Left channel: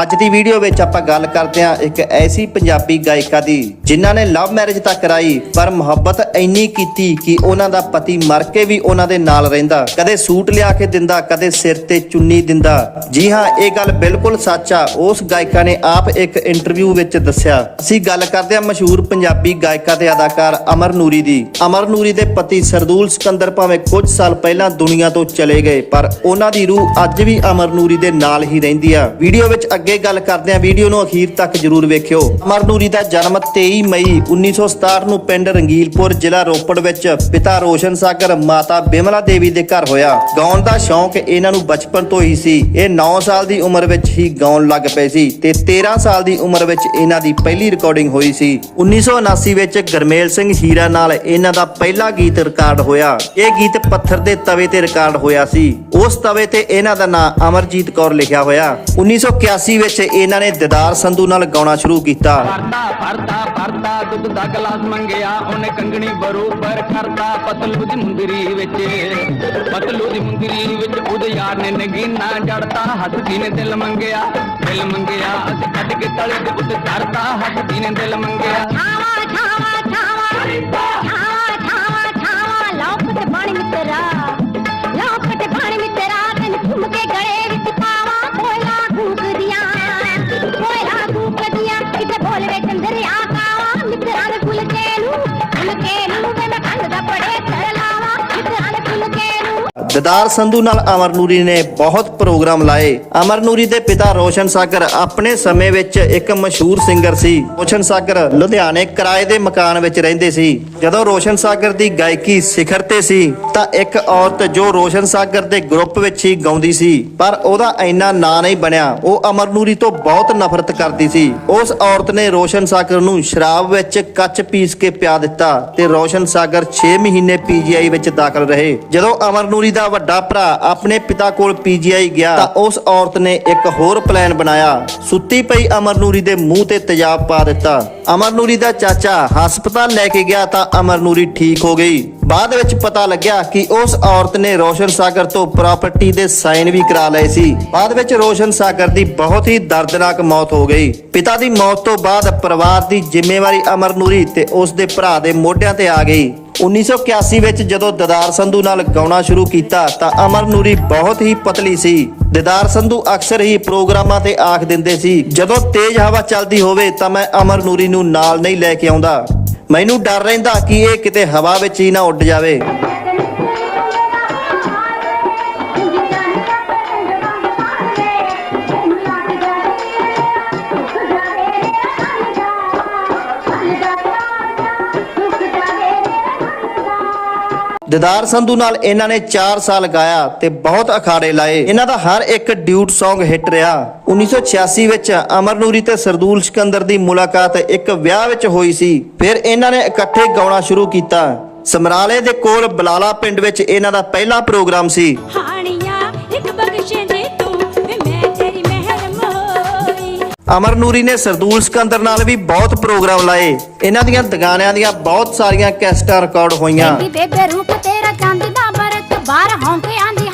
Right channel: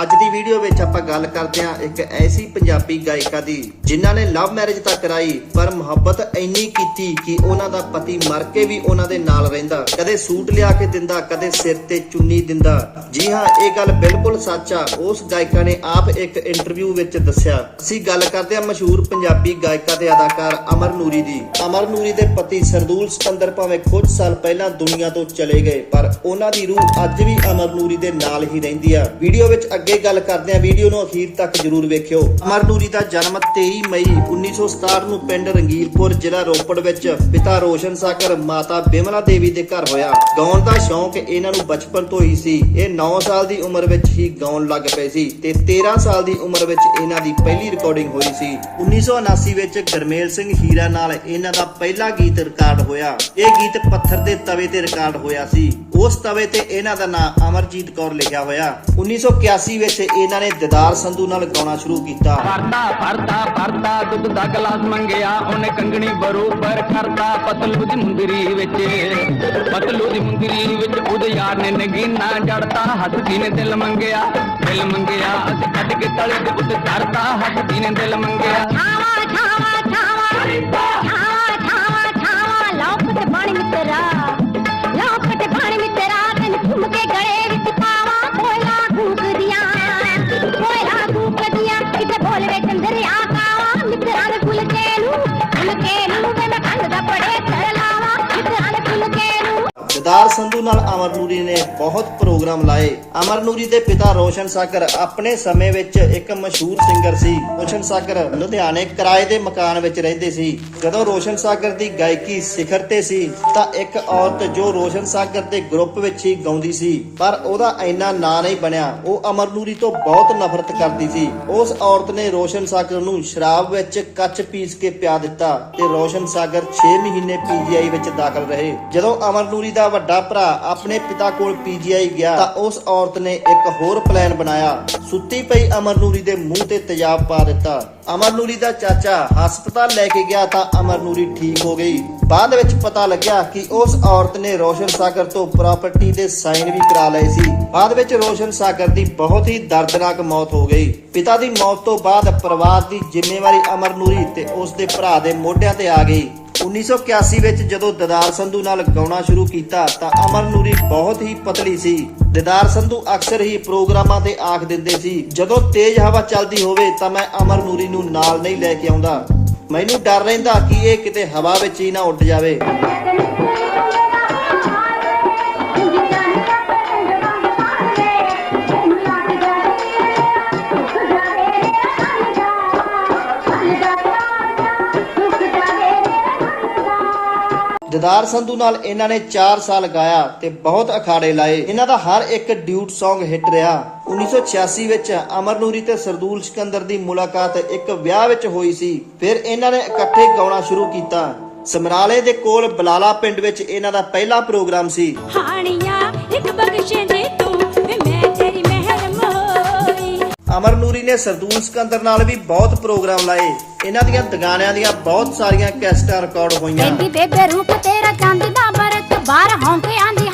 ਅੱਜ ਦੀ ਵੀਡੀਓ ਵਿੱਚ ਆਪਾਂ ਗੱਲ ਕਰਦੇ ਹਾਂ ਇੱਕ ਐਸੀ ਪੰਜਾਬੀ ਗਾਇਕਾ ਦੀ, ਜਿਨ੍ਹਾਂ ਨੇ ਲਵ ਮੈਰਿਜ ਤਾਂ ਕਰਾਈ, ਪਰ ਮੁਹੱਬਤ ਇੰਨੀ ਕੀਤੀ ਕਿ ਉਹਨਾਂ ਦਾ ਪਤੀ ਮਰ ਕੇ ਵੀ ਉਹਨਾਂ ਦੇ ਨਾਲ ਰਹਿੰਦਾ। ਕਦੇ ਸੂਟ ਲਿਆ ਕੇ ਦਿੰਦਾ, ਕਦੇ ਸਿਰ ਤੇ ਚੁੰਨੀ ਦਿੰਦਾ। ਜੀ ਹਾਂ, ਇਹ ਗੱਲ ਬਿਲਕੁਲ ਸੱਚ ਆ। ਉਸ ਗਾਇਕਾ ਨੇ ਆਪ ਇੱਕ ਇੰਟਰਵਿਊ ਵਿੱਚ ਦੱਸਿਆ। ਅਸੀਂ ਗੱਲ ਕਰਦੇ ਹਾਂ ਮਸ਼ਹੂਰ ਪੰਜਾਬੀ ਗਾਇਕਾ ਤੇ ਅਦਾਕਾਰ ਅਮਰ ਨੂਰੀ ਦੀ। ਅਮਰ ਨੂਰੀ ਦੇ ਪਤੀ ਸਰਦੂਲ ਸਿਕੰਦਰ ਭਾਵੇਂ ਕੁਝ ਸਾਲ ਪਹਿਲਾਂ ਦੁਨੀਆ ਤੋਂ ਚਲੇ ਗਏ, ਪਰ ਉਹਨਾਂ ਦੀ ਰੂਹ ਅੱਜ ਵੀ ਅਮਰ ਨੂਰੀ ਦੇ ਨਾਲ ਹੀ ਰਹਿੰਦੀ ਆ। ਵੀਡੀਓ ਵਿੱਚ ਅੱਗੇ ਗੱਲ ਕਰਦੇ ਹਾਂ। ਵੀਡੀਓ ਨੂੰ ਅਖੀਰ ਤੱਕ ਜਰੂਰ ਵੇਖਿਓ। ਅਮਰ ਨੂਰੀ ਦਾ ਜਨਮ 23 ਮਈ 1967 ਨੂੰ ਪਿੰਡ ਰੰਗੀਲਪੁਰ, ਜ਼ਿਲ੍ਹਾ ਰੋਪੜ ਵਿੱਚ ਪਿਤਾ ਰੋਸ਼ਨ ਸਾਗਰ, ਮਾਤਾ ਬਿਮਲਾ ਦੇਵੀ ਦੇ ਘਰ ਹੋਇਆ। ਗਾਉਣ ਦਾ ਸ਼ੌਂਕ ਇਹਨਾਂ ਨੂੰ ਬਚਪਨ ਤੋਂ ਹੀ ਸੀ। ਇਹ 9 ਸਾਲ ਦੀ ਉਮਰ ਵਿੱਚ ਹੀ ਗਾਉਣ ਲੱਗ ਪਏ ਸੀ ਤੇ 13 ਸਾਲ ਦੀ ਉਮਰ ਵਿੱਚ ਇਹਨਾਂ ਦੀ ਪਹਿਲੀ ਰਿਕਾਰਡਿੰਗ ਹੋਈ ਸੀ। 1979 ਵਿੱਚ ਗਰਮੇਲ ਸਿੰਘ ਹੀਰਾ ਨਾਲ ਇਹਨਾਂ ਦਾ ਪਹਿਲਾ ਗੀਤ ਰਿਕਾਰਡ ਹੋਇਆ। ਇਹ ਗੀਤ ਪੱਥਰ ਦੇ ਤਵੇ ਤੇ ਰਿਕਾਰਡ ਹੋਇਆ ਸੀ। ਉਸ ਤਵੇ ਤੇ ਇਹਨਾਂ ਦਾ ਨਾਮ ਅਮਰਜੀਤ ਕੌਰ ਲਿਖਿਆ ਹੋਇਆ। 1981 ਵਿੱਚ ਇਹਨਾਂ ਨੇ ਦਿਦਾਰ ਸੰਧੂ ਨਾਲ ਗਾਉਣਾ ਸ਼ੁਰੂ ਕੀਤਾ। ਫਰਦਾ ਫਰਦਾ ਫਰਦਾ ਦੁੱਧ ਦਾ ਗਲਾਸ ਮੰਗਿਆ ਉਹਨੇ ਕੰਗਣੀ ਬਰੋਬਰ ਕਰਦਾ ਪਤਲੂ ਦੀ ਮੁੰਦਰੀ ਵਿੱਚ। ਪਤਲੂ ਦੀ ਮੁੰਦਰੀ ਵਿੱਚ ਉਹਦੇ ਯਾਰ ਨੇ ਨਗੀਨਾ ਜੜਤਾ ਹੱਸਦੀ ਨੇ ਦਿਲ ਮੰਗਿਆ। ਦਿਲ ਮੰਗਿਆ ਅਸੀਂ ਕੱਢ ਕੇ ਤਲੇ ਦੇ ਉੱਤੇ ਧਰਤਾ ਹੱਸਦੀ ਨੇ ਦਿਲ ਮੰਗਿਆ। ਛਾਵਾ ਛਾਵਾ ਛਾਵਾ। ਨੂੰ ਸੰਧੂ ਨਾਲ ਅਮਰ ਨੂਰੀ ਨੇ ਬਹੁਤ ਪ੍ਰੋਗਰਾਮ ਲਾਏ। ਅਮਰ ਨੂਰੀ ਦੇ ਪਿਤਾ ਰੋਸ਼ਨ ਸਾਗਰ ਆਪਣੇ ਸਮੇਂ ਵਿੱਚ ਇੱਕ ਮਸ਼ਹੂਰ ਸਿੰਗਰ ਸੀ। ਰੋਸ਼ਨ ਸਾਗਰ ਲੁਧਿਆਣੇ ਕਿਰਾਏ ਦੇ ਮਕਾਨ ਵਿੱਚ ਰਹਿੰਦੇ ਸੀ। ਜਦੋਂ ਰੋਸ਼ਨ ਸਾਗਰ ਦੀ ਗਾਇਕੀ ਸਿਖਰ ਤੇ ਸੀ, ਤਾਂ ਇੱਕ ਔਰਤ ਜੋ ਰੋਸ਼ਨ ਸਾਗਰ ਦੇ ਗਰੁੱਪ ਵਿੱਚ ਹੀ ਗਾਉਂਦੀ ਸੀ, ਪਰ ਉਹਦਾ ਇੰਨਾ ਨਾਂ ਨਹੀਂ ਬਣਿਆ। ਉਹ ਅਮਰ ਨੂਰੀ ਤੋਂ ਬਹੁਤ ਨਫ਼ਰਤ ਕਰਦੀ ਸੀ। ਉਸ ਔਰਤ ਨੇ ਰੋਸ਼ਨ ਸਾਗਰ ਨੂੰ ਸ਼ਰਾਬ ਵਿੱਚ ਕੱਚ ਪੀਸ ਕੇ ਪਿਆ ਦਿੱਤਾ ਤੇ ਰੋਸ਼ਨ ਸਾਗਰ 6 ਮਹੀਨੇ ਪੀਜੀਆਈ ਵਿੱਚ ਦਾਖਲ ਰਹੇ। ਜਦੋਂ ਅਮਰ ਨੂਰੀ ਦਾ ਵੱਡਾ ਭਰਾ ਆਪਣੇ ਪਿਤਾ ਕੋਲ ਪੀਜੀਆਈ ਗਿਆ ਤਾਂ ਉਸ ਔਰਤ ਨੇ ਇੱਕ ਹੋਰ ਪਲਾਨ ਬਣਾਇਆ। ਸੁੱਤੀ ਪਈ ਅਮਰ ਦੇ ਮੂੰਹ ਤੇ ਤੇਜ਼ਾਬ ਪਾ ਦਿੱਤਾ। ਅਮਰ ਦਾ ਚਾਚਾ ਹਸਪਤਾਲ ਲੈ ਕੇ ਗਿਆ ਤਾਂ ਅਮਰ ਠੀਕ ਹੋ ਗਈ। ਬਾਅਦ ਵਿੱਚ ਪਤਾ ਲੱਗਿਆ ਕਿ ਉਸ ਔਰਤ ਨੇ ਰੋਸ਼ਨ ਸਾਗਰ ਤੋਂ ਪ੍ਰਾਪਰਟੀ ਦੇ ਸਾਈਨ ਵੀ ਕਰਾ ਲਏ ਸੀ। ਬਾਅਦ ਵਿੱਚ ਰੋਸ਼ਨ ਸਾਗਰ ਦੀ ਬਹੁਤ ਹੀ ਦਰਦਨਾਕ ਮੌਤ ਹੋ ਗਈ। ਪਿਤਾ ਦੀ ਮੌਤ ਤੋਂ ਬਾਅਦ ਪਰਿਵਾਰ ਦੀ ਜ਼ਿੰਮੇਵਾਰੀ ਅਮਰਨੂਰੀ ਤੇ ਉਸ ਦੇ ਭਰਾ ਦੇ ਮੋਢਿਆਂ ਤੇ ਆ ਗਈ। 1981 ਵਿੱਚ ਜਦੋਂ ਦਦਾਰ ਸੰਧੂ ਨਾਲ ਗਾਉਣਾ ਸ਼ੁਰੂ ਕੀਤਾ ਤਾਂ ਅਮਰ ਨੂਰੀ ਬਹੁਤ ਹੀ ਪਤਲੀ ਸੀ। ਦਦਾਰ ਸੰਧੂ ਅਕਸਰ ਹੀ ਪ੍ਰੋਗਰਾਮਾਂ ਤੇ ਆਖ ਦਿੰਦੇ ਸੀ, ਜਦੋਂ ਤੇਜ਼ ਹਵਾ ਚੱਲਦੀ ਹੋਵੇ ਤਾਂ ਮੈਂ ਅਮਰ ਨੂਰੀ ਨੂੰ ਨਾਲ ਨਹੀਂ ਲੈ ਕੇ ਆਉਂਦਾ। ਮੈਨੂੰ ਡਰ ਰਹਿੰਦਾ ਕਿ ਇਹ ਕਿਤੇ ਹਵਾ ਵਿੱਚ ਹੀ ਨਾ ਉੱਡ ਜਾਵੇ। ਦਿਦਾਰ ਸੰਧੂ ਨਾਲ ਇਹਨਾਂ ਨੇ 4 ਸਾਲ ਗਾਇਆ ਤੇ ਬਹੁਤ ਅਖਾੜੇ ਲਾਏ। ਇਹਨਾਂ ਦਾ ਹਰ ਇੱਕ ਡਿਊਟ Song ਹਿੱਟ ਰਿਹਾ। 1986 ਵਿੱਚ ਅਮਰ ਨੂਰੀ ਤੇ ਸਰਦੂਲ ਸਿਕੰਦਰ ਦੀ ਮੁਲਾਕਾਤ ਇੱਕ ਵਿਆਹ ਵਿੱਚ ਹੋਈ ਸੀ। ਫਿਰ ਇਹਨਾਂ ਨੇ ਇਕੱਠੇ ਗਾਉਣਾ ਸ਼ੁਰੂ ਕੀਤਾ। ਸਮਰਾਲੇ ਦੇ ਕੋਲ ਬਲਾਲਾ ਪਿੰਡ ਵਿੱਚ ਇਹਨਾਂ ਦਾ ਪਹਿਲਾ ਪ੍ਰੋਗਰਾਮ ਸੀ। ਹਾਣੀਆਂ, ਇੱਕ ਬਖਸ਼ੇ ਦੇ ਅਮਰ ਨੂਰੀ ਨੇ ਸਰਦੂਲ ਸਿਕੰਦਰ ਨਾਲ ਵੀ ਬਹੁਤ ਪ੍ਰੋਗਰਾਮ ਲਾਏ। ਇਹਨਾਂ ਦੀਆਂ ਦਗਾਨਿਆਂ ਦੀਆਂ ਬਹੁਤ ਸਾਰੀਆਂ ਕੈਸਟਾਂ ਰਿਕਾਰਡ ਹੋਈਆਂ। ਬੇਬੀ, ਬੇਬੇ ਰੂਪ ਤੇਰਾ ਚੰਦ ਦਾ ਬਰਤ ਬਾਹਰ ਹੌਂਕੇ ਆਂਦੀ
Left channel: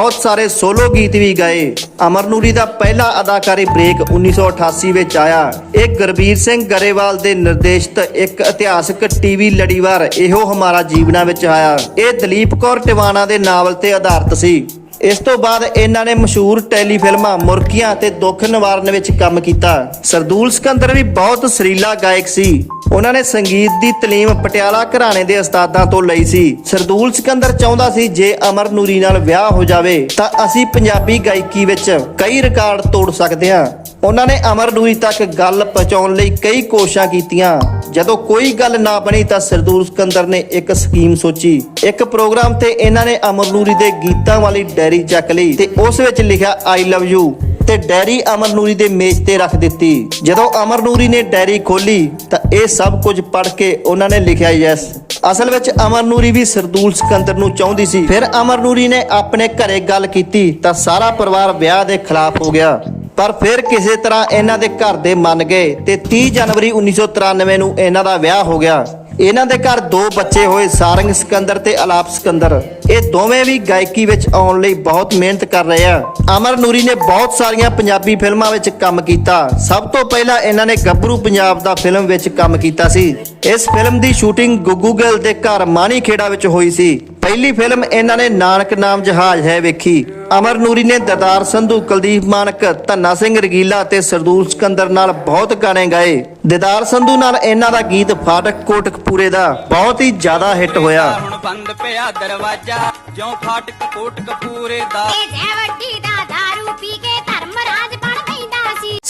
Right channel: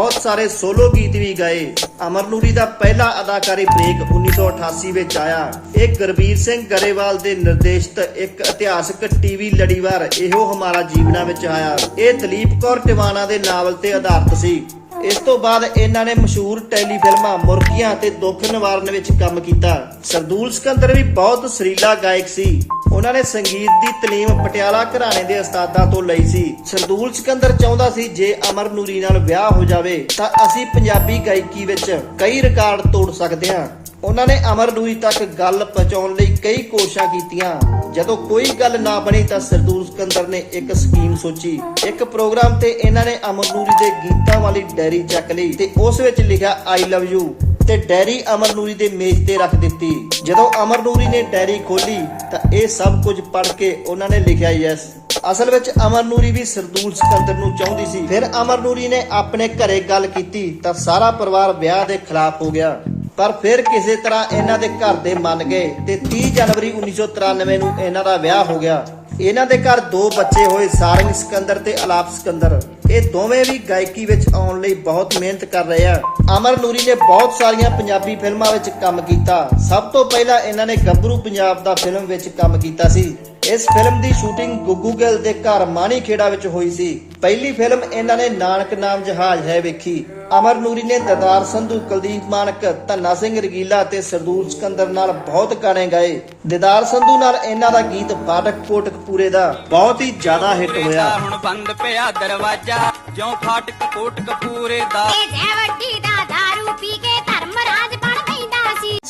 ਬਹੁਤ ਸਾਰੇ ਸੋਲੋ ਗੀਤ ਵੀ ਗਾਏ। ਅਮਰਨੂਰੀ ਦਾ ਪਹਿਲਾ ਅਦਾਕਾਰੀ ਬ੍ਰੇਕ 1988 ਵਿੱਚ ਆਇਆ। ਇਹ ਗੁਰਬੀਰ ਸਿੰਘ ਗਰੇਵਾਲ ਦੇ ਨਿਰਦੇਸ਼ਿਤ ਇੱਕ ਇਤਿਹਾਸਕ ਟੀਵੀ ਲੜੀਵਾਰ ਇਹੋ ਹਮਾਰਾ ਜੀਵਨਾ ਵਿੱਚ ਆਇਆ। ਇਹ ਦਲੀਪ ਕੌਰ ਟਿਵਾਣਾ ਦੇ ਨਾਵਲ ਤੇ ਆਧਾਰਿਤ ਸੀ। ਇਸ ਤੋਂ ਬਾਅਦ ਇਹਨਾਂ ਨੇ ਮਸ਼ਹੂਰ ਟੈਲੀਫਿਲਮਾਂ ਮੁਰਕੀਆਂ ਤੇ ਦੁੱਖ ਨਿਵਾਰਨ ਵਿੱਚ ਕੰਮ ਕੀਤਾ। ਸਰਦੂਲ ਸਿਕੰਦਰ ਵੀ ਬਹੁਤ ਸਰੀਲਾ ਗਾਇਕ ਸੀ। ਉਹਨਾਂ ਨੇ ਸੰਗੀਤ ਦੀ ਤਾਲੀਮ ਪਟਿਆਲਾ ਘਰਾਣੇ ਦੇ ਉਸਤਾਦਾਂ ਤੋਂ ਲਈ ਸੀ। ਸਰਦੂਲ ਸਿਕੰਦਰ ਚਾਹੁੰਦਾ ਸੀ ਜੇ ਅਮਰ ਨੂਰੀ ਨਾਲ ਵਿਆਹ ਹੋ ਜਾਵੇ, ਤਾਂ ਅਸੀਂ ਪੰਜਾਬੀ ਗਾਇਕੀ ਵਿੱਚ ਕਈ ਰਿਕਾਰਡ ਤੋੜ ਸਕਦੇ ਹਾਂ। ਉਹਨਾਂ ਨੇ ਅਮਰ ਨੂਰੀ ਤੱਕ ਗੱਲ ਪਹੁੰਚਾਉਣ ਲਈ ਕਈ ਕੋਸ਼ਿਸ਼ਾਂ ਕੀਤੀਆਂ। ਜਦੋਂ ਕੋਈ ਗੱਲ ਨਾ ਬਣੀ ਤਾਂ ਸਰਦੂਲ ਸਿਕੰਦਰ ਨੇ ਇੱਕ ਸਕੀਮ ਸੋਚੀ। ਇੱਕ ਪ੍ਰੋਗਰਾਮ ਤੇ ਇਹਨਾਂ ਨੇ ਅਮਰ ਨੂਰੀ ਦੇ ਗੀਤਾਂ ਵਾਲੀ ਡਾਇਰੀ ਚੱਕ ਲਈ ਤੇ ਉਸ ਵਿੱਚ ਲਿਖਿਆ ਆਈ ਲਵ ਯੂ ਤੇ ਡੈਰੀ ਅਮਰ ਨੂਰੀ ਦੇ ਮੇਜ਼ ਤੇ ਰੱਖ ਦਿੱਤੀ। ਜਦੋਂ ਅਮਰ ਨੂਰੀ ਨੇ ਡੈਰੀ ਖੋਲੀ ਤਾਂ ਇਹ ਸਭ ਕੁਝ ਪੜ੍ਹ ਕੇ ਉਹਨਾਂ ਨੇ ਲਿਖਿਆ ਯੈਸ ਅਸਲ ਵਿੱਚ ਅਮਰ ਨੂਰੀ ਵੀ ਸਰਦੂਲ ਸਿਕੰਦਰ ਨੂੰ ਚਾਹੁੰਦੀ ਸੀ। ਫਿਰ ਅਮਰ ਨੂਰੀ ਨੇ ਆਪਣੇ ਘਰੇ ਗੱਲ ਕੀਤੀ ਤਾਂ ਸਾਰਾ ਪਰਿਵਾਰ ਵਿਆਹ ਦੇ ਖਿਲਾਫ ਹੋ ਗਿਆ। ਪਰ ਫਿਰ ਕਿਸੇ ਤਰ੍ਹਾਂ ਇਹਨਾਂ ਦੇ ਘਰ ਦੇ ਮੰਨ ਗਏ ਤੇ 30 ਜਨਵਰੀ 1993 ਨੂੰ ਇਹਨਾਂ ਦਾ ਵਿਆਹ ਹੋ ਗਿਆ। ਇਹਨਾਂ ਦੇ ਘਰ ਦੋ ਬੱਚੇ ਹੋਏ, ਸਾਰੰਗ ਸਿਕੰਦਰ ਤੇ ਅਲਾਪ ਸਿਕੰਦਰ। ਇਹ ਦੋਵੇਂ ਵੀ ਗਾਇਕੀ ਵਿੱਚ ਆਉਣ ਲਈ ਬਹੁਤ ਮਿਹਨਤ ਕਰ ਰਹੇ ਆ। ਅਮਰ ਨੂਰੀ ਨੇ ਬਹੁਤ ਸਾਰੀਆਂ ਪੰਜਾਬੀ ਫਿਲਮਾਂ ਵਿੱਚ ਕੰਮ ਕੀਤਾ। ਸਭ ਤੋਂ ਪਹਿਲਾਂ ਇਹਨਾਂ ਨੇ ਗੱਭਰੂ ਪੰਜਾਬ ਦਾ ਫਿਲਮ ਵਿੱਚ ਕੰਮ ਕੀਤਾ ਸੀ। ਇਸ ਫਿਲਮ ਦੀ ਸ਼ੂਟਿੰਗ ਗੁੱਗੂ ਗਿੱਲ ਦੇ ਘਰ ਮਾਣੀ ਖੇੜਾ ਵਿੱਚ ਹੋਈ ਸੀ। ਪਹਿਲੀ ਫਿਲਮ ਇਹਨਾਂ ਨੇ ਨਾਨਕ ਨਾਮ ਜਹਾਜ਼ ਹੈ ਵੇਖੀ। ਅਮਰ ਨੂਰੀ ਨੇ ਦਰਦਾਰ ਸੰਧੂ ਕੁਲਦੀਪ ਮਾਨਕ ਧੰਨਾ ਸਿੰਘ ਰਗੀਲਾ ਤੇ ਸਰਦੂਲ ਸਿਕੰਦਰ ਨਾਲ ਬਹੁਤ ਗਾਣੇ ਗਾਏ। ਦਿਦਾਰ ਸੰਧੂ ਨਾਲ ਇਹਨਾਂ ਦਾ ਗੀਤ ਫਾਟਕ ਕੋਟਕਪੂਰੇ ਦਾ ਬਹੁਤ ਹੀ ਜ਼ਿਆਦਾ ਹਿੱਟ ਹੋਇਆ। ਹੁਣ ਬੰਦ ਪਿਆ ਦਰਵਾਜ਼ਾ ਜਿਉਂ ਫਾਟਕ ਕੋਟਕ ਪੂਰੇ ਦਾ। ਇਹ ਜੈ ਵੱਡੀ ਦਾ दारू ਪੀ ਕੇ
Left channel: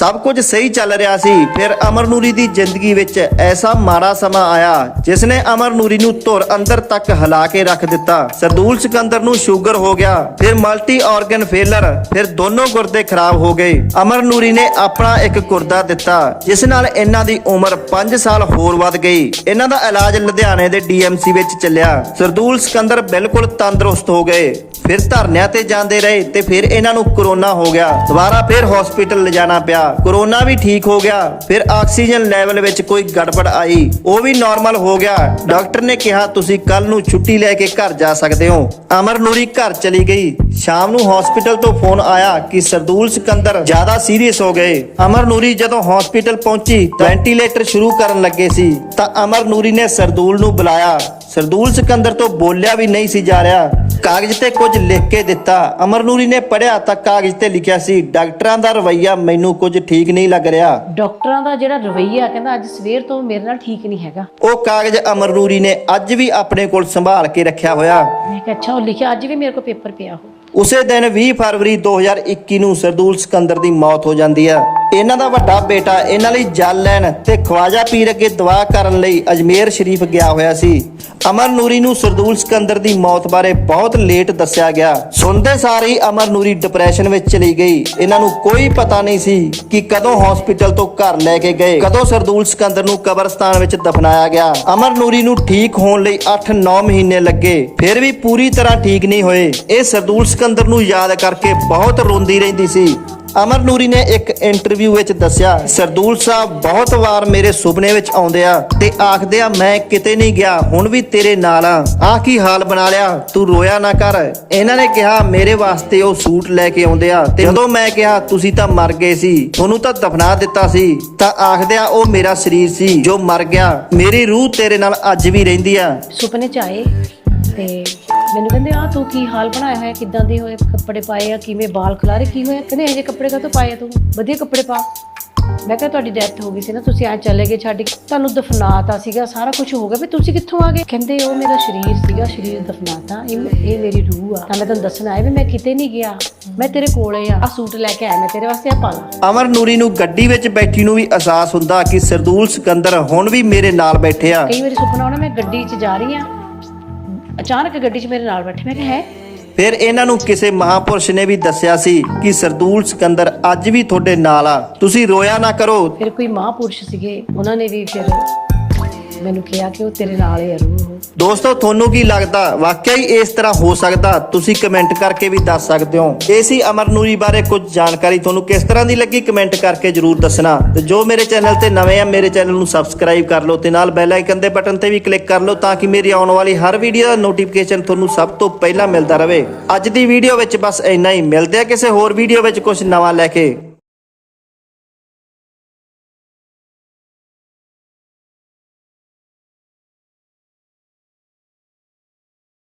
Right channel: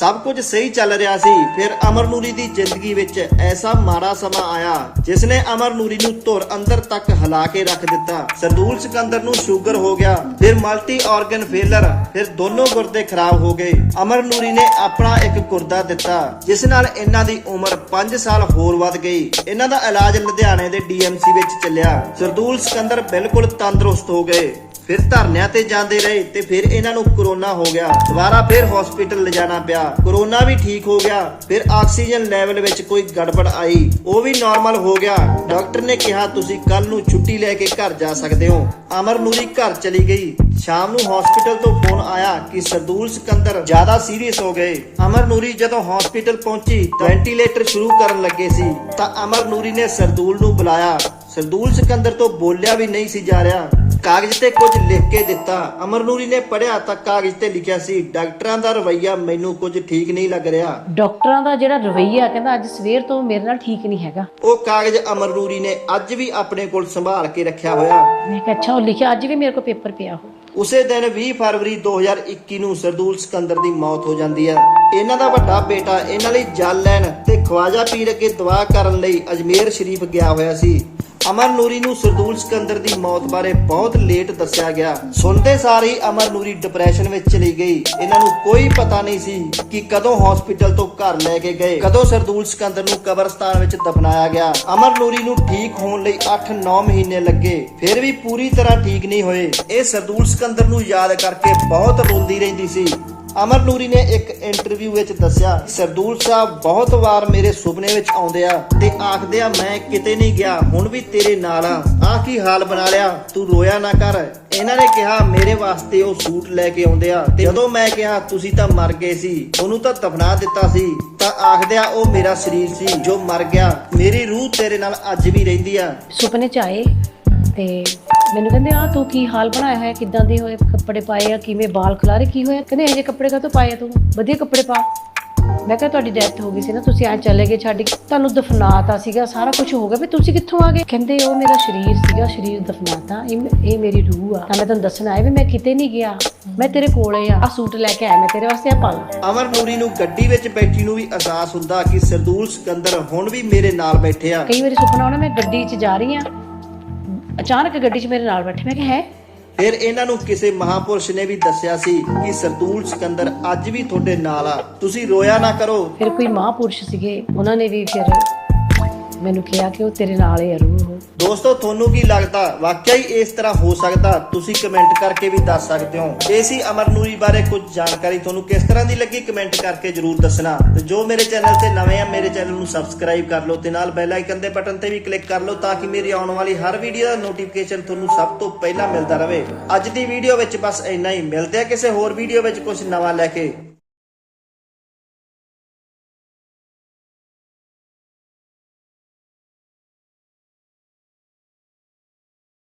ਸਭ ਕੁਝ ਸਹੀ ਚੱਲ ਰਿਹਾ ਸੀ। ਫਿਰ ਅਮਰ ਨੂਰੀ ਦੀ ਜ਼ਿੰਦਗੀ ਵਿੱਚ ਐਸਾ ਮਾੜਾ ਸਮਾਂ ਆਇਆ, ਜਿਸ ਨੇ ਅਮਰ ਨੂਰੀ ਨੂੰ ਧੁਰ ਅੰਦਰ ਤੱਕ ਹਿਲਾ ਕੇ ਰੱਖ ਦਿੱਤਾ। ਸਰਦੂਲ ਸਿਕੰਦਰ ਨੂੰ ਸ਼ੂਗਰ ਹੋ ਗਿਆ, ਫਿਰ ਮਲਟੀ ਆਰਗਨ ਫੇਲਰ, ਫਿਰ ਦੋਨੋਂ ਗੁਰਦੇ ਖਰਾਬ ਹੋ ਗਏ। ਅਮਰ ਨੂਰੀ ਨੇ ਆਪਣਾ ਇੱਕ ਗੁਰਦਾ ਦਿੱਤਾ, ਜਿਸ ਨਾਲ ਇਹਨਾਂ ਦੀ ਉਮਰ 5 ਸਾਲ ਹੋਰ ਵੱਧ ਗਈ। ਇਹਨਾਂ ਦਾ ਇਲਾਜ ਲੁਧਿਆਣੇ ਦੇ ਡੀਐਮਸੀ ਵਿੱਚ ਚੱਲਿਆ। ਸਰਦੂਲ ਸਿਕੰਦਰ ਬਿਲਕੁਲ ਤੰਦਰੁਸਤ ਹੋ ਗਏ। ਫਿਰ ਧਰਨਿਆਂ ਤੇ ਜਾਂਦੇ ਰਹੇ ਤੇ ਫਿਰ ਇਹਨਾਂ ਨੂੰ ਕਰੋਨਾ ਹੋ ਗਿਆ। ਦੁਬਾਰਾ ਫਿਰ ਹਸਪੀਟਲ ਲਿਜਾਣਾ ਪਿਆ। ਕਰੋਨਾ ਵੀ ਠੀਕ ਹੋ ਗਿਆ। ਫਿਰ ਆਕਸੀਜਨ ਲੈਵਲ ਵਿੱਚ ਕੋਈ ਗੜਬੜ ਆਈ। ਉਹ ਵੀ ਨਾਰਮਲ ਹੋ ਗਿਆ। ਡਾਕਟਰ ਨੇ ਕਿਹਾ, ਤੁਸੀਂ ਕੱਲ ਨੂੰ ਛੁੱਟੀ ਲੈ ਕੇ ਘਰ ਜਾ ਸਕਦੇ ਹੋ। ਅਮਰ ਨੂਰੀ ਘਰ ਚਲੀ ਗਈ। ਸ਼ਾਮ ਨੂੰ ਹਸਪੀਟਲ ਤੋਂ ਫੋਨ ਆਇਆ ਕਿ ਸਰਦੂਲ ਸਿਕੰਦਰ ਜ਼ਿਆਦਾ ਸੀਰੀਅਸ ਹੋ ਗਏ। ਅਮਰ ਨੂਰੀ ਜਦੋਂ ਹਸਪੀਟਲ ਪਹੁੰਚੀ ਵੈਂਟੀਲੇਟਰ ਸ਼ੁਰੂ ਕਰਨ ਲੱਗੇ ਸੀ। ਤਾਂ ਅਮਰ ਨੂਰੀ ਨੇ ਸਰਦੂਲ ਨੂੰ ਬੁਲਾਇਆ। ਸਰਦੂਲ ਸਿਕੰਦਰ ਤੋਂ ਬੋਲਿਆ ਵੀ ਨਹੀਂ ਸੀ ਜਾ ਰਿਹਾ। ਕਾਗਜ਼ ਤੇ ਕੁਝ ਲਿਖ ਕੇ ਦਿੱਤਾ। ਅਮਰ ਨੂਰੀ ਨੇ ਪੜਿਆ ਤਾਂ ਕਾਗਜ਼ ਤੇ ਲਿਖਿਆ ਸੀ ਡਾਕਟਰਾਂ ਦਾ ਰਵੱਈਆ ਮੈਨੂੰ ਕੁਝ ਠੀਕ ਨਹੀਂ ਲੱਗ ਰਿਹਾ। ਡਾਕਟਰਾਂ ਦਾ ਜਿਹੜਾ ਰਵੱਈਆ ਕਹਿੰਦਾ ਅੱਜ ਸਵੇਰ ਤੋਂ ਮੇਰੇ ਨਾਲ ਠੀਕ ਨਹੀਂ ਹੈਗਾ। ਉਹ ਕਾਗਜ਼ ਅਮਰ ਨੂਰੀ ਨੇ ਅੱਜ ਵੀ ਆਪਣੇ ਕੋਲ ਸੰਭਾਲ ਕੇ ਰੱਖਿਆ ਹੋਇਆ। ਮੈਂ ਕਿਹਾ ਅੱਛਾ ਉਹ ਲਿਖਿਆ ਅੱਜ ਵੀ ਮੇਰੇ ਕੋਲ ਪੇਪਰ ਪਿਆ ਹੋ ਉਸੇ ਦਿਨ 20 ਫਰਵਰੀ 2021 ਨੂੰ ਸਰਦੂਲ ਸਿਕੰਦਰ ਦੀ ਮੌਤ ਹੋ ਜਾਂਦੀ ਆ ਇਹਨਾਂ ਦਾ ਵੱਡਾ ਬੇਟਾ ਇਹਨਾਂ ਲਈ ਜਲ ਲੈਣ ਤੇ ਖਵਾਜਾ ਪੀਰ ਅੱਗੇ ਦੁਆ ਕਰਨ ਲਈ ਅਜਮੇਰ ਸ਼ਰੀਫ ਗਿਆ ਹੋਇਆ ਸੀ। ਅਮਰ ਨੂਰੀ ਨੂੰ ਸਰਦੂਲ ਸਿਕੰਦਰ ਦੀ ਮੌਤ ਬਾਰੇ ਬਹੁਤ ਲੇਟ ਦੱਸਿਆ ਗਿਆ। ਸੁਣਦੇ ਸਾਰ ਹੀ ਅਮਰ ਨੂਰੀ ਡਿਪਰੈਸ਼ਨ ਵਿੱਚ ਚਲੀ ਗਈ। ਇਹਨਾਂ ਨੂੰ ਕੋਈ ਪਤਾ ਨਹੀਂ ਸੀ ਕਿ ਕਦੋਂ ਹਸਪੀਟਲ ਤੋਂ ਘਰ ਲੈ ਕੇ ਗਏ। ਕਦੋਂ ਸਰਦੂਲ ਸਿਕੰਦਰ ਨੂੰ ਕਬਰਸਤਾਨ ਵਿੱਚ ਦਫਨਾਇਆ ਗਿਆ। ਅਮਰ ਨੂਰੀ ਨੂੰ ਠੀਕ ਹੋਣ ਲਈ 8-9 ਮਹੀਨੇ ਲੱਗੇ। ਫਿਰ ਵੀ ਪੂਰੀ ਤਰ੍ਹਾਂ ਠੀਕ ਨਹੀਂ ਹੋਏ। ਇਹ ਸਰਦੂਲ ਸਿਕੰਦਰ ਨੂੰ ਯਾਦ ਕਰਕੇ ਬਹੁਤ ਰੋਂਦੀ ਰਹਿੰਦੀ ਸੀ। ਅਮਰ ਨੂਰੀ ਨੇ ਇੱਕ ਇੰਟਰਵਿਊ ਵਿੱਚ ਦੱਸਿਆ, ਸਰਦੂਲ ਸਾਹਿਬ, ਬਹੁਤ ਵਾਰ ਮੇਰੇ ਸੁਪਨੇ ਵਿੱਚ ਆਉਂਦੇ ਆ ਤੇ ਆਖਦੇ ਆ, ਮੈਂ ਕਿਤੇ ਨਹੀਂ ਗਿਆ, ਹੁਣ ਵੀ ਤੇਰੇ ਨਾਲ ਆ। ਆ ਕੀ ਹਾਲ ਬਣਾ ਲਿਆ? ਤੂੰ ਰੋਇਆ ਨਾ ਕਰ। ਇਹਨਾਂ ਨੇ ਕਿਹਾ, ਮੇਰੇ ਵਾਸਤੇ ਉਹ ਸੂਟ ਲੈ ਕੇ ਆਉਂਦੇ ਆ ਤੇ ਜਦੋਂ ਮੈਂ ਕਿਹਾ, ਤੁਸੀਂ ਤਾਂ ਮਰ ਗਏ ਸੀ ਤੁਹਾਨੂੰ ਤਾਂ ਦਫਨਾ ਦਿੱਤਾ ਸੀ। ਤਾਂ ਆਖਦੇ ਆ, ਉਹ ਮੇਰਾ ਸਰੀਰ ਸੀ, ਜੋ ਮਰ ਗਿਆ। ਮੇਰੀ ਰੂਹ ਤੇਰੇ ਨਾਲ ਅੱਜ ਵੀ ਰਹਿੰਦੀ ਆ। ਸੁਪਨੇ ਚ ਆਏ ਤੇ ਮੈਨੂੰ ਕਹਿੰਦੇ ਆ ਤੂੰ ਕੀ ਹਾਲ ਬਣਾਇਆ ਹੋਇਆ? ਕਿੱਦਾਂ ਦੇ ਹੋਏ ਕੱਪੜੇ ਪਾਏ ਆ? ਕਿਵੇਂ ਵਾਲ ਖਲਾਰੇ? ਕੀ ਹੋਇਆ? ਕਹਿੰਦੇ ਇਹ ਕੱਪੜੇ ਕਾਹਤੋਂ ਪਾਏ ਆ ਤੂੰ? ਵਧੀਆ ਕੱਪੜੇ ਪਾ। ਮੈਂ ਕਿਹਾ ਤੁਹਾਡੀ ਡੈਥ ਹੋ ਗਈ ਸੀ ਨਾ ਤੁਸੀਂ ਐ ਚਲੇ ਗਏ ਛੱਡ ਕੇ। ਤੁਹਾਨੂੰ ਦਫਨਾਤਾ ਸੀਗਾ ਸਾਰਾ ਕੁਝ ਹੋ ਗਿਆ। ਵੀ ਤੁਸੀਂ ਕਿੱਥੋਂ ਆ ਗਏ? ਕਹਿੰਦੇ ਉਹ ਮੇਰਾ ਸਰੀਰ ਸੀਗਾ ਸਰੀਰ ਦਫਨਾਤਾ। ਇਹ ਇਹ ਮੇਰੀ ਰੂਹ ਆ। ਤਾਂ ਮੈਂ ਤੁਹਾਨੂੰ ਦੱਸਣ ਆਇਆ ਵੀ ਮੈਂ ਕਿਤੇ ਨਹੀਂ ਗਿਆ। ਮੈਂ ਤੇਰੇ ਕੋਲੇ ਆ। ਆ ਸੂਟ ਲੈ ਕੇ ਆਇਆ ਮੈਂ ਤੇਰੇ ਵਾਸਤੇ ਆ ਪਾ ਲਾ। ਅਮਰ ਨੂਰੀ ਨੂੰ ਗੱਡੀ ਵਿੱਚ ਬੈਠੀ ਨੂੰ ਵੀ ਅਹਿਸਾਸ ਹੁੰਦਾ ਕਿ ਸਰਦੂਲ ਸਿਕੰਦਰ ਹੁਣ ਵੀ ਮੇਰੇ ਨਾਲ ਬੈਠੇ ਆ। ਕਈ ਵਾਰੀ ਸੁਪਨਾ ਆਉਣਾ ਮੈਂ ਗੱਡੀ 'ਚ ਜਾ ਰਹੀ ਆ। ਅਚਾਨਕ ਗੱਡੀ 'ਚ ਮੇਰੇ ਨਾਲ ਬੈਠੇ ਮੈਂ ਕਿਹਾ ਹੈ? ਫਿਰ ਇਹਨਾਂ ਨੂੰ ਕਿਸੇ ਮਹਾਪੁਰਸ਼ ਨੇ ਵੀ ਦੱਸਿਆ ਸੀ ਕਿ ਸਰਦੂਲ ਸਿਕੰਦਰ ਅੱਜ ਵੀ ਤੁਹਾਡੇ ਨਾਲ ਆ। ਤੁਸੀਂ ਰੋਇਆ ਨਾ ਕਰੋ। ਫਿਰ ਕੋਈ ਮਹਾਂਪੁਰਸ਼ ਸੀਗੇ ਉਹਨਾਂ ਨੇ ਵੀ ਫਿਰ ਮੈਨੂੰ ਕਿਹਾ ਕਿ ਉਹ ਤੇਰੇ ਨਾਲ ਹੀ ਆ ਉਹ। ਦੋਸਤੋ, ਤੁਹਾਨੂੰ ਕੀ ਲੱਗਦਾ? ਵਾਕਿਆ ਹੀ ਇਸ ਤਰ੍ਹਾਂ ਹੋ ਸਕਦਾ? ਤੁਸੀਂ ਕਮੈਂਟ ਕਰਕੇ ਵੀ ਦੱਸ ਸਕਦੇ ਹੋ। ਇਹ ਸੀ ਅਮਰ ਬਾਰੇ ਕੁਝ ਜਾਣਕਾਰੀ। ਤੁਹਾਨੂੰ ਕਿਸ ਤਰ੍ਹਾਂ ਦੀ ਲੱਗੀ ਕਮੈਂਟ ਕਰਕੇ ਜਰੂਰ ਦੱਸਣਾ। ਤੇ ਜੋ ਮੇਰੇ ਚੈਨਲ ਤੇ ਨਵੇਂ ਆ, ਮੇਰੇ ਚੈਨਲ ਨੂੰ ਸਬਸਕ੍ਰਾਈਬ ਕਰ ਲਓ ਤੇ ਨਾਲ ਬੈਲ ਆਈਕਨ ਦੇ ਬਟਨ ਤੇ ਵੀ ਕਲਿੱਕ ਕਰ ਲਓ ਤਾਂ ਕਿ ਮੇਰੀ ਆਉਣ ਵਾਲੀ ਹਰ ਵੀਡੀਓ ਦਾ ਨੋਟੀਫਿਕੇਸ਼ਨ ਤੁਹਾਨੂੰ ਸਭ ਤੋਂ ਪਹਿਲਾਂ ਮਿਲਦਾ ਰਹੇ। ਅੱਜ ਦੀ ਵੀਡੀਓ ਵਿੱਚ ਬਸ ਇੰਨਾ ਹੀ। ਮਿਲਦੇ ਆ ਕਿਸੇ ਹੋਰ ਵੀਡੀਓ ਵਿੱਚ ਕੁਝ ਨਵਾਂ ਲੈ ਕੇ।